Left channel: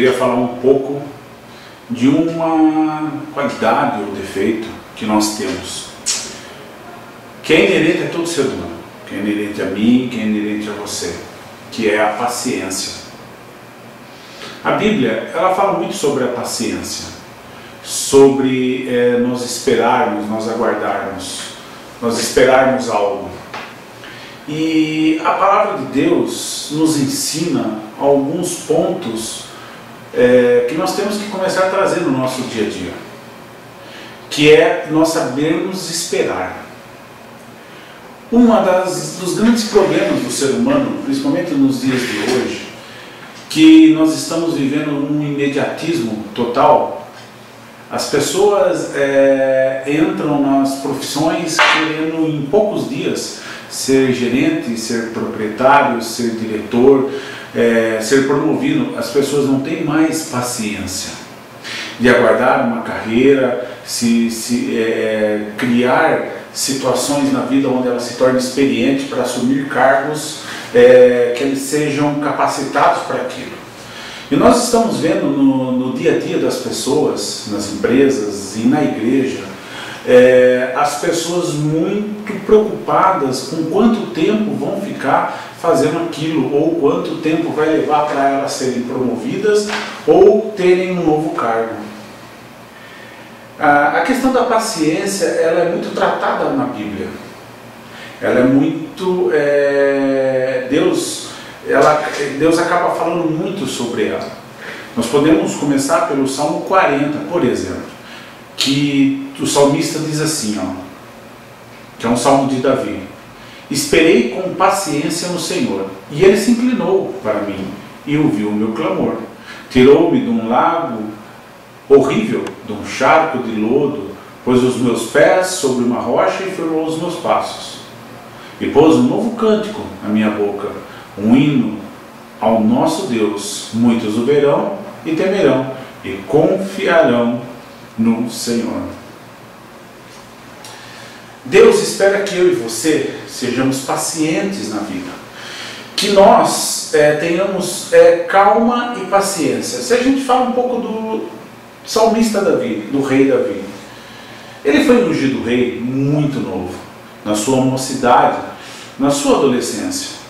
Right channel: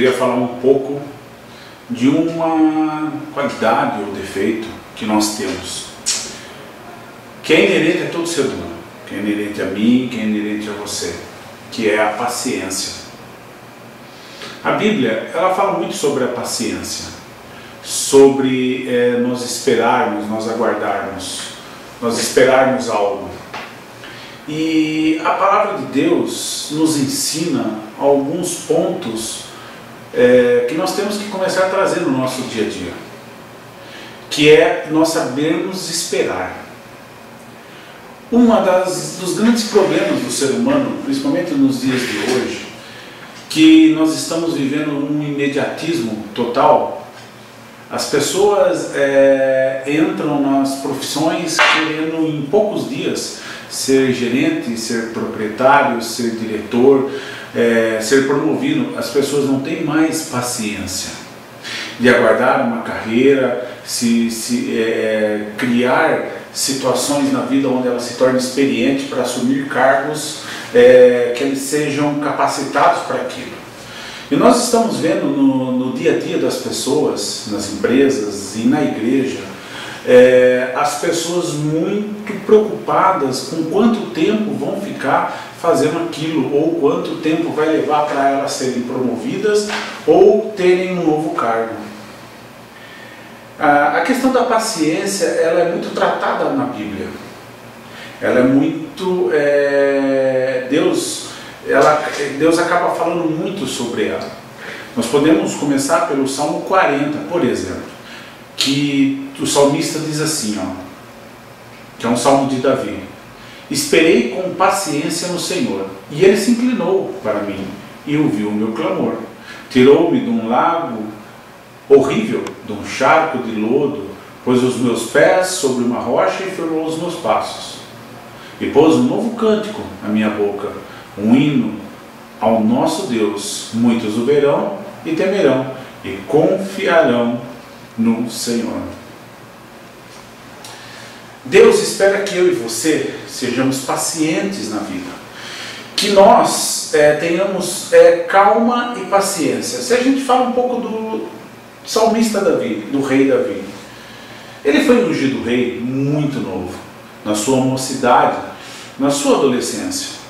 queria falar um pouco de uma qualidade ou defeito que nós temos, que é inerente a todo ser humano, que é inerente a mim, que é inerente a você, que é a paciência. A Bíblia, ela fala muito sobre a paciência, sobre nós esperarmos, nós aguardarmos, nós esperarmos algo. E a palavra de Deus nos ensina alguns pontos que nós temos que começar a trazer no nosso dia a dia, que é nós sabermos esperar. Dos grandes problemas do ser humano, principalmente nos dias de hoje, que nós estamos vivendo um imediatismo total. As pessoas entram nas profissões querendo em poucos dias ser gerente, ser proprietário, ser diretor, ser promovido. As pessoas não têm mais paciência de aguardar uma carreira, criar situações na vida onde ela se torne experiente para assumir cargos que eles sejam capacitados para aquilo. E nós estamos vendo no dia a dia das pessoas, nas empresas e na igreja, as pessoas muito preocupadas com quanto tempo vão ficar fazendo aquilo, ou quanto tempo vai levar para elas serem promovidas ou terem um novo cargo. A questão da paciência, ela é muito tratada na Bíblia. Ela é muito... Deus acaba falando muito sobre ela. Nós podemos começar pelo Salmo 40, por exemplo, que o salmista diz assim, que é um salmo de Davi: esperei com paciência no Senhor, e Ele se inclinou para mim e ouviu o meu clamor. Tirou-me de um lago horrível, de um charco de lodo, pôs os meus pés sobre uma rocha e firmou os meus passos. E pôs um novo cântico na minha boca, um hino ao nosso Deus. Muitos o verão e temerão e confiarão no Senhor. Deus espera que eu e você sejamos pacientes na vida, que nós tenhamos calma e paciência. Se a gente fala um pouco do salmista Davi, do rei Davi, ele foi ungido rei muito novo, na sua mocidade, na sua adolescência.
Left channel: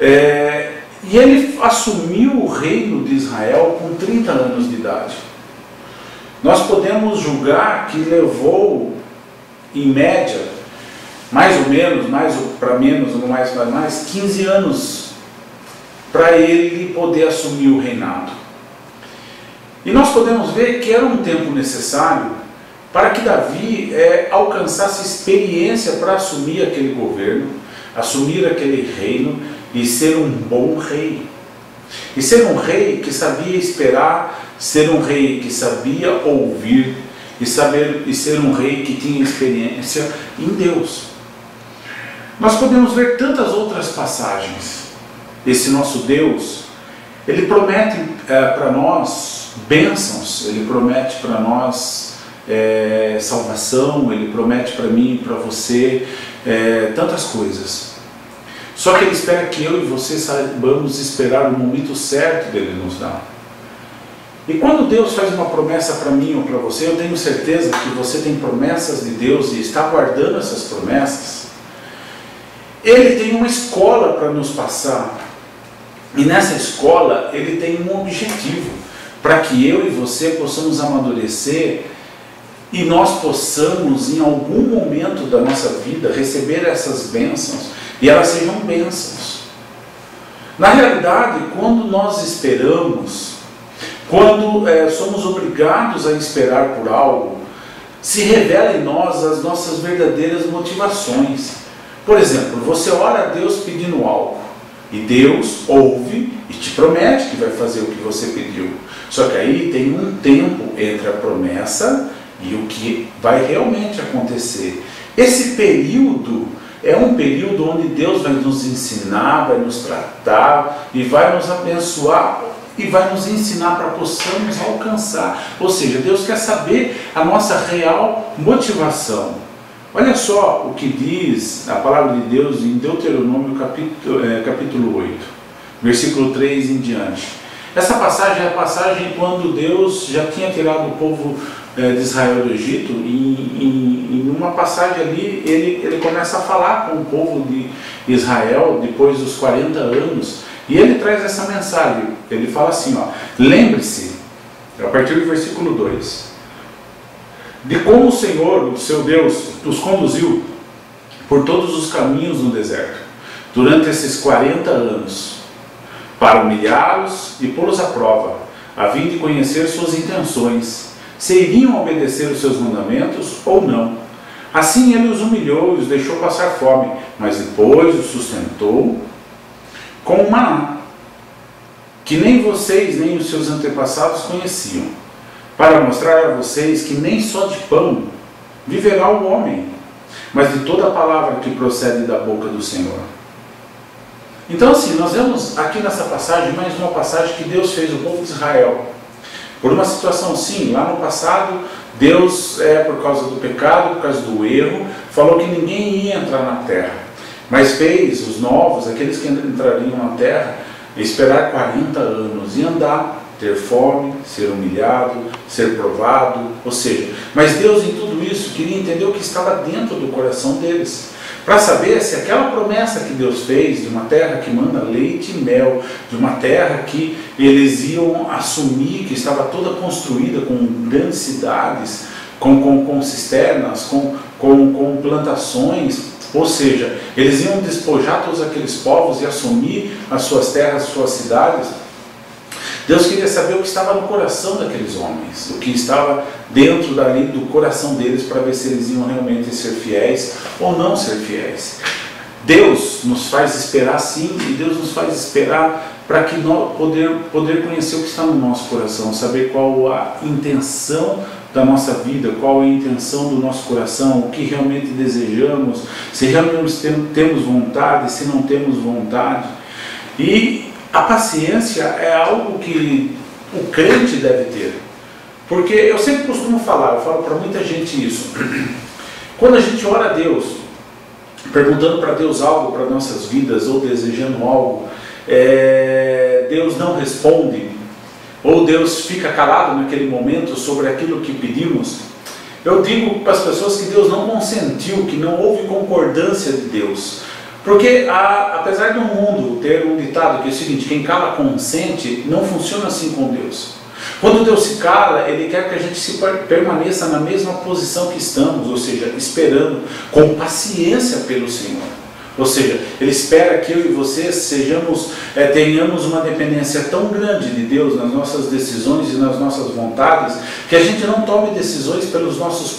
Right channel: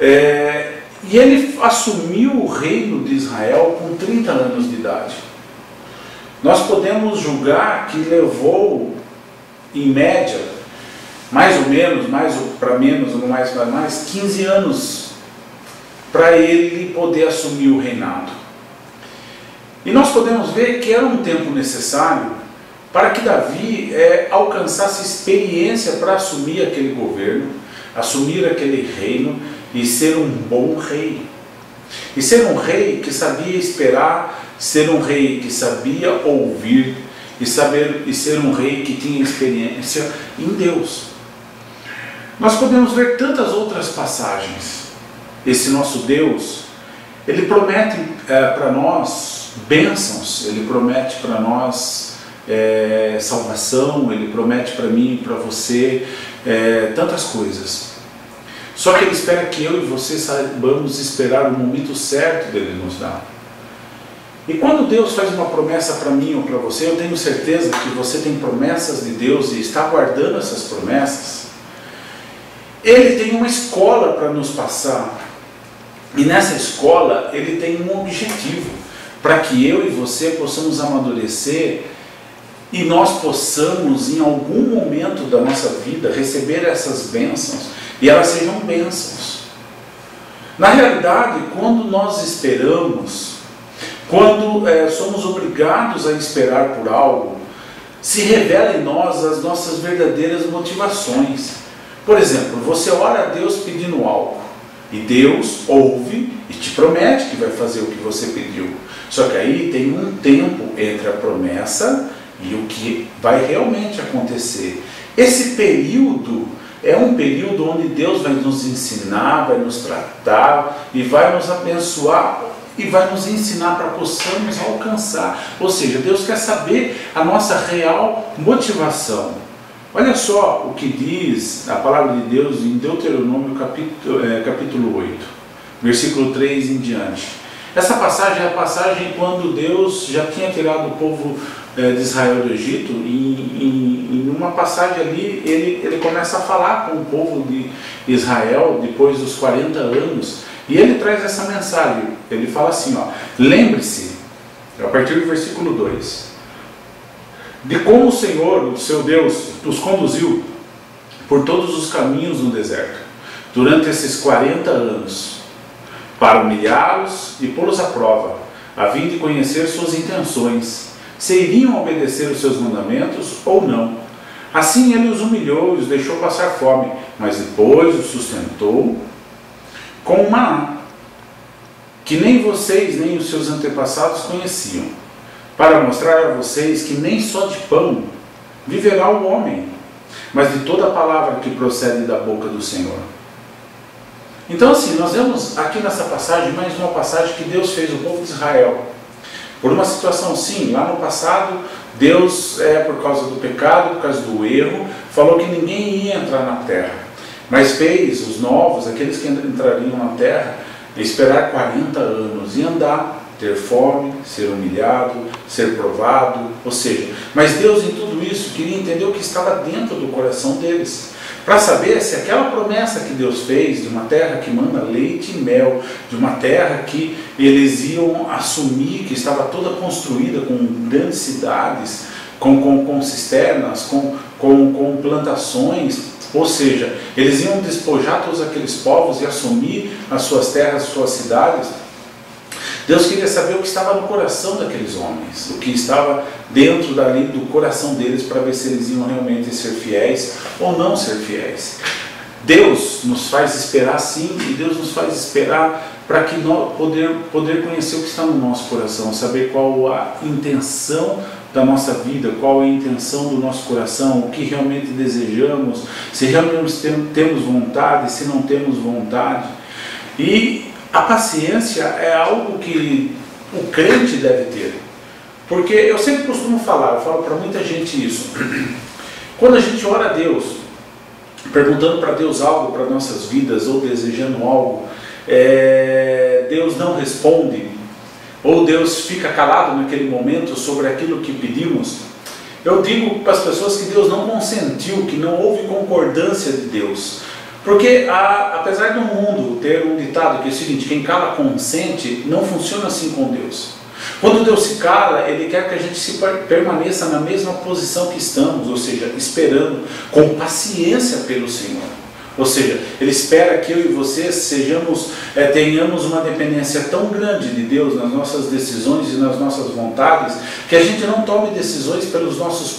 E ele assumiu o reino de Israel com 30 anos de idade. Nós podemos julgar que levou, em média, mais ou menos, mais para menos, mais para mais, 15 anos para ele poder assumir o reinado. E nós podemos ver que era um tempo necessário para que Davi alcançasse experiência para assumir aquele governo, assumir aquele reino e ser um bom rei. E ser um rei que sabia esperar, ser um rei que sabia ouvir e ser um rei que tinha experiência em Deus. Nós podemos ver tantas outras passagens. Esse nosso Deus, Ele promete para nós bênçãos, Ele promete para nós salvação, Ele promete para mim e para você tantas coisas. Só que Ele espera que eu e você saibamos esperar o momento certo dEle nos dar. E quando Deus faz uma promessa para mim ou para você, eu tenho certeza que você tem promessas de Deus e está guardando essas promessas. Ele tem uma escola para nos passar. E nessa escola, Ele tem um objetivo, para que eu e você possamos amadurecer e nós possamos, em algum momento da nossa vida, receber essas bênçãos e elas sejam bênçãos. Na realidade, quando nós esperamos, quando somos obrigados a esperar por algo, se revela em nós as nossas verdadeiras motivações. Por exemplo, você ora a Deus pedindo algo, e Deus ouve e te promete que vai fazer o que você pediu. Só que aí tem um tempo entre a promessa e o que vai realmente acontecer. Esse período é um período onde Deus vai nos ensinar, vai nos tratar e vai nos abençoar e vai nos ensinar para possamos alcançar. Ou seja, Deus quer saber a nossa real motivação. Olha só o que diz a palavra de Deus em Deuteronômio capítulo 8, versículo 3 em diante. Essa passagem é a passagem quando Deus já tinha tirado o povo de Israel do Egito, e em uma passagem ali ele começa a falar com o povo de Israel depois dos 40 anos, e ele traz essa mensagem. Ele fala assim, ó: lembre-se, a partir do versículo 2, de como o Senhor, o seu Deus, os conduziu por todos os caminhos no deserto, durante esses 40 anos, para humilhá-los e pô-los à prova, a fim de conhecer suas intenções, se iriam obedecer os seus mandamentos ou não. Assim ele os humilhou e os deixou passar fome, mas depois os sustentou com o maná, que nem vocês nem os seus antepassados conheciam, para mostrar a vocês que nem só de pão viverá o homem, mas de toda a palavra que procede da boca do Senhor. Então assim, nós vemos aqui nessa passagem mais uma passagem que Deus fez o povo de Israel por uma situação. Sim, lá no passado Deus, por causa do pecado, por causa do erro, falou que ninguém ia entrar na terra, mas fez os novos, aqueles que entrariam na terra, esperar 40 anos e andar, ter fome, ser humilhado, ser provado, ou seja, mas Deus em tudo isso queria entender o que estava dentro do coração deles, para saber se aquela promessa que Deus fez de uma terra que manda leite e mel, de uma terra que eles iam assumir, que estava toda construída com grandes cidades, com cisternas, com plantações, ou seja, eles iam despojar todos aqueles povos e assumir as suas terras, as suas cidades. Deus queria saber o que estava no coração daqueles homens, o que estava dentro dali do coração deles, para ver se eles iam realmente ser fiéis ou não ser fiéis. Deus nos faz esperar sim, e Deus nos faz esperar para que nós poder conhecer o que está no nosso coração, saber qual a intenção da nossa vida, qual é a intenção do nosso coração, o que realmente desejamos, se realmente temos vontade, se não temos vontade. E a paciência é algo que o crente deve ter, porque eu sempre costumo falar, eu falo para muita gente isso, quando a gente ora a Deus, perguntando para Deus algo para nossas vidas, ou desejando algo, Deus não responde, ou Deus fica calado naquele momento sobre aquilo que pedimos, eu digo para as pessoas que Deus não consentiu, que não houve concordância de Deus. Porque apesar do mundo ter um ditado que é o seguinte: quem cala consente, não funciona assim com Deus. Quando Deus se cala, Ele quer que a gente permaneça na mesma posição que estamos, ou seja, esperando com paciência pelo Senhor. Ou seja, Ele espera que eu e você tenhamos uma dependência tão grande de Deus nas nossas decisões e nas nossas vontades, que a gente não tome decisões pelos nossos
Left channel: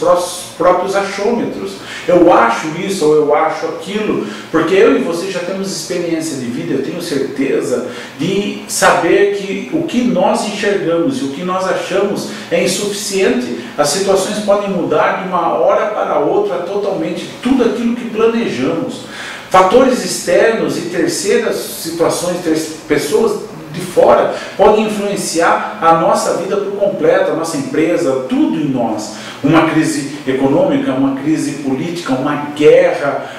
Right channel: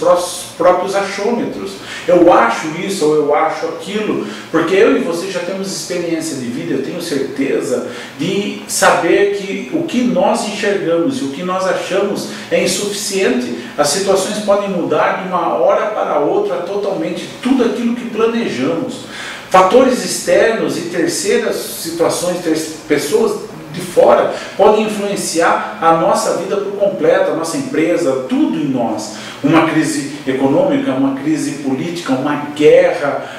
próprios achômetros. Eu acho isso ou eu acho aquilo, porque eu e você já temos experiência de vida, eu tenho certeza de saber que o que nós enxergamos e o que nós achamos é insuficiente. As situações podem mudar de uma hora para outra totalmente tudo aquilo que planejamos. Fatores externos e terceiras situações, pessoas de fora, podem influenciar a nossa vida por completo, a nossa empresa, tudo em nós. Uma crise econômica, uma crise política, uma guerra,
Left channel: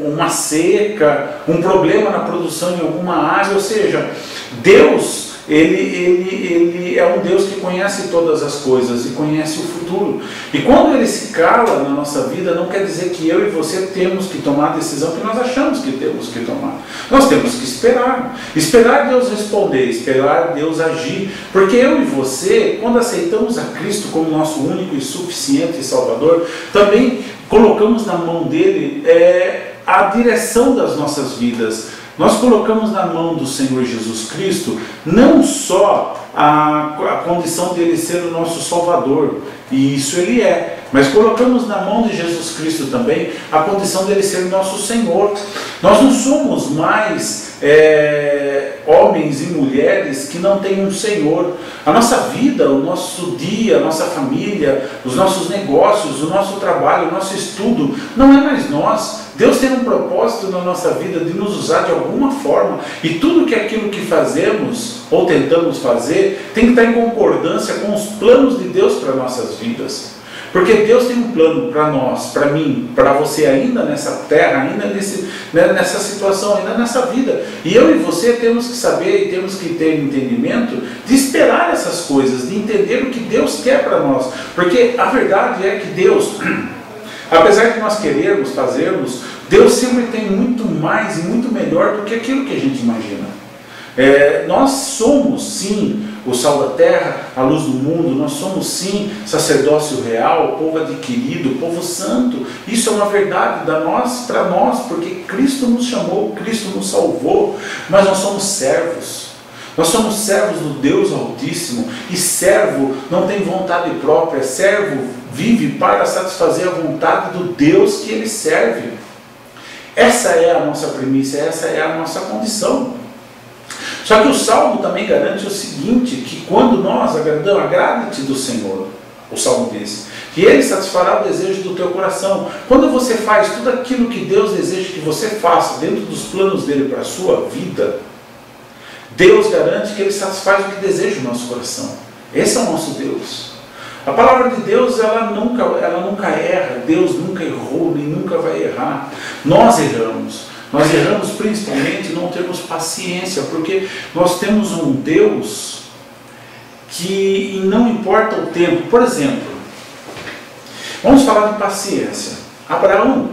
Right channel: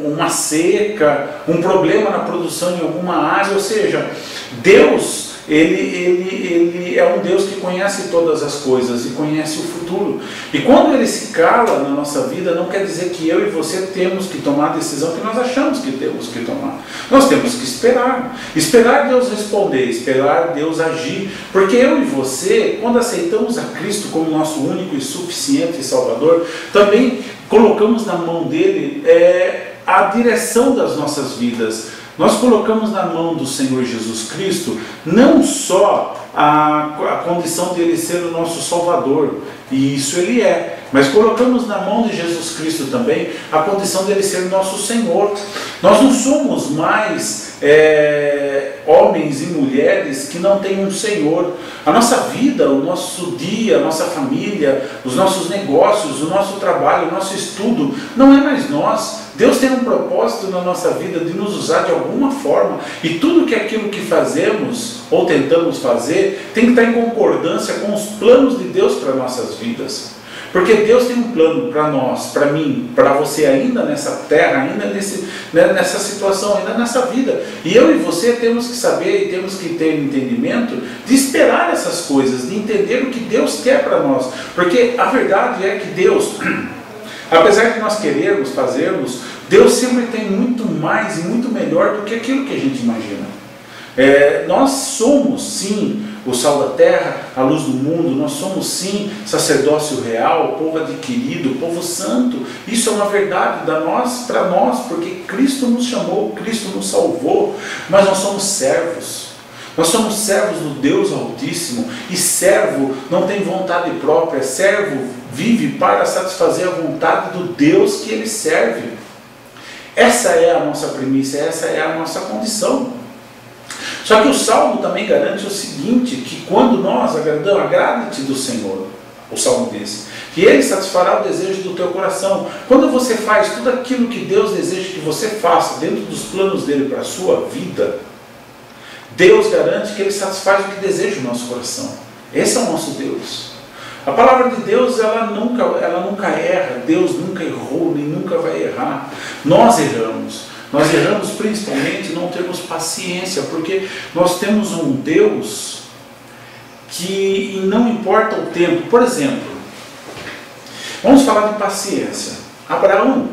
uma seca, um problema na produção em alguma área, ou seja, Deus, Ele é um Deus que conhece todas as coisas e conhece o futuro. E quando Ele se cala na nossa vida, não quer dizer que eu e você temos que tomar a decisão que nós achamos que temos que tomar. Nós temos que esperar. Esperar Deus responder, esperar Deus agir. Porque eu e você, quando aceitamos a Cristo como nosso único e suficiente Salvador, também colocamos na mão dEle a direção das nossas vidas. Nós colocamos na mão do Senhor Jesus Cristo não só a condição de Ele ser o nosso Salvador, e isso Ele é, mas colocamos na mão de Jesus Cristo também a condição de Ele ser o nosso Senhor. Nós não somos mais homens e mulheres que não têm um Senhor. A nossa vida, o nosso dia, a nossa família, os nossos negócios, o nosso trabalho, o nosso estudo, não é mais nós. Deus tem um propósito na nossa vida de nos usar de alguma forma, e tudo que aquilo que fazemos ou tentamos fazer tem que estar em concordância com os planos de Deus para nossas vidas. Porque Deus tem um plano para nós, para mim, para você ainda nessa terra, ainda nessa situação, ainda nessa vida. E eu e você temos que saber e temos que ter entendimento de esperar essas coisas, de entender o que Deus quer para nós. Porque a verdade é que Deus, apesar de nós querermos, fazermos, Deus sempre tem muito mais e muito melhor do que aquilo que a gente imagina. Nós somos sim o sal da terra, a luz do mundo, nós somos sim sacerdócio real, povo adquirido, povo santo. Isso é uma verdade para nós, porque Cristo nos chamou, Cristo nos salvou, mas nós somos servos. Nós somos servos do Deus Altíssimo, e servo não tem vontade própria, servo vive para satisfazer a vontade do Deus que ele serve. Essa é a nossa premissa, essa é a nossa condição. Só que o Salmo também garante o seguinte, que quando nós agradamos, agrade-te do Senhor, o Salmo diz, que Ele satisfará o desejo do teu coração. Quando você faz tudo aquilo que Deus deseja que você faça, dentro dos planos dEle para a sua vida, Deus garante que Ele satisfaz o que deseja o nosso coração. Esse é o nosso Deus. A palavra de Deus, ela nunca erra, Deus nunca errou, nem nunca vai errar. Nós erramos. Nós erramos principalmente não termos paciência, porque nós temos um Deus que não importa o tempo. Por exemplo, vamos falar de paciência. Abraão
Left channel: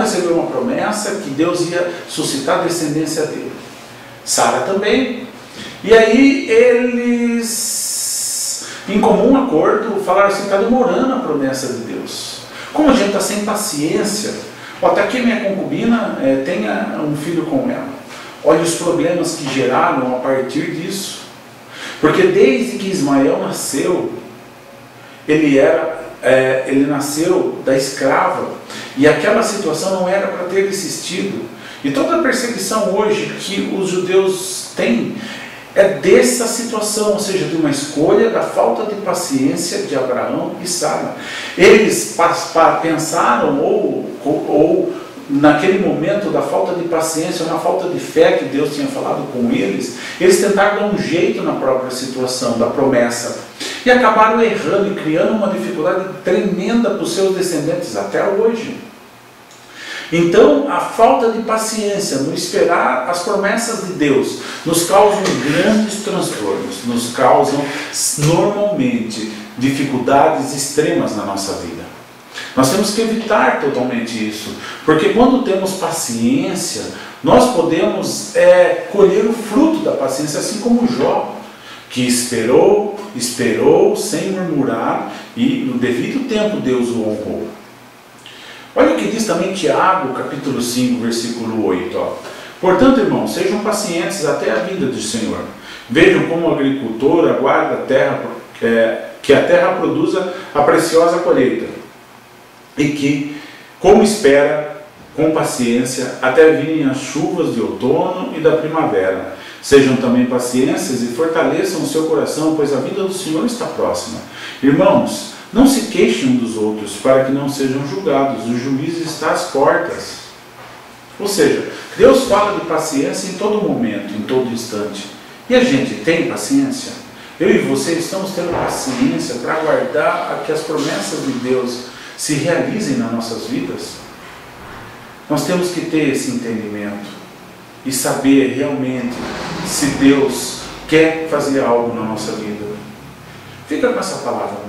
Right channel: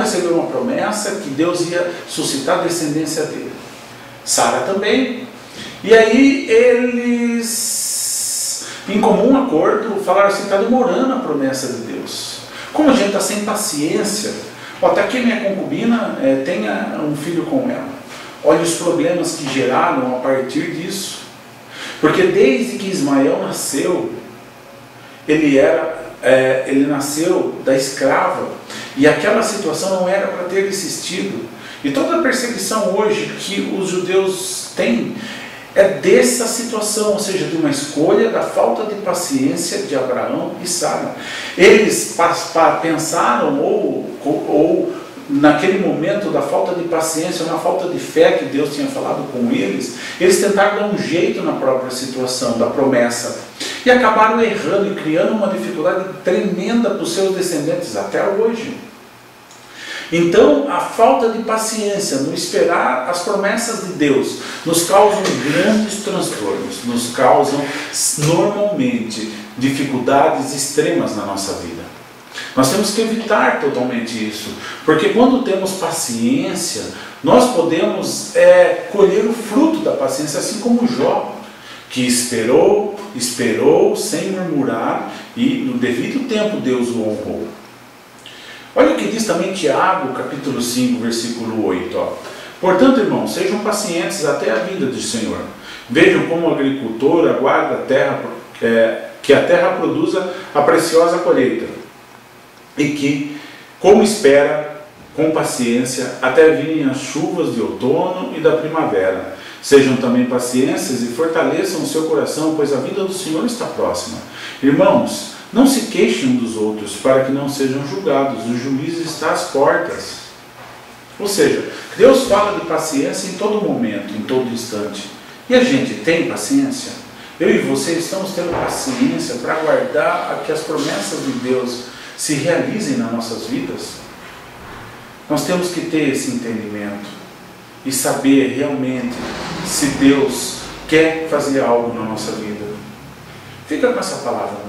recebeu uma promessa que Deus ia suscitar a descendência dele. Sara também. E aí eles, em comum acordo, falaram assim, está demorando a promessa de Deus. Como a gente está sem paciência, até que minha concubina tenha um filho com ela. Olha os problemas que geraram a partir disso. Porque desde que Ismael nasceu, ele nasceu da escrava, e aquela situação não era para ter existido. E toda a perseguição hoje que os judeus têm é dessa situação, ou seja, de uma escolha da falta de paciência de Abraão e Sara. Eles pensaram, ou naquele momento da falta de paciência, na falta de fé que Deus tinha falado com eles, eles tentaram dar um jeito na própria situação da promessa. E acabaram errando e criando uma dificuldade tremenda para os seus descendentes até hoje. Então, a falta de paciência no esperar as promessas de Deus nos causam grandes transtornos, nos causam normalmente dificuldades extremas na nossa vida. Nós temos que evitar totalmente isso, porque quando temos paciência, nós podemos colher o fruto da paciência, assim como Jó, que esperou sem murmurar, e no devido tempo Deus o honrou. Olha o que diz também Tiago, capítulo 5, versículo 8. Portanto, irmãos, sejam pacientes até a vinda do Senhor. Vejam como o agricultor aguarda a terra, que a terra produza a preciosa colheita, e que, como espera, com paciência, até virem as chuvas de outono e da primavera. Sejam também pacientes e fortaleçam o seu coração, pois a vinda do Senhor está próxima. Irmãos, não se queixem uns dos outros, para que não sejam julgados. O juízo está às portas. Ou seja, Deus fala de paciência em todo momento, em todo instante. E a gente tem paciência? Eu e você estamos tendo paciência para aguardar que as promessas de Deus se realizem nas nossas vidas? Nós temos que ter esse entendimento e saber realmente se Deus quer fazer algo na nossa vida. Fica com essa palavra.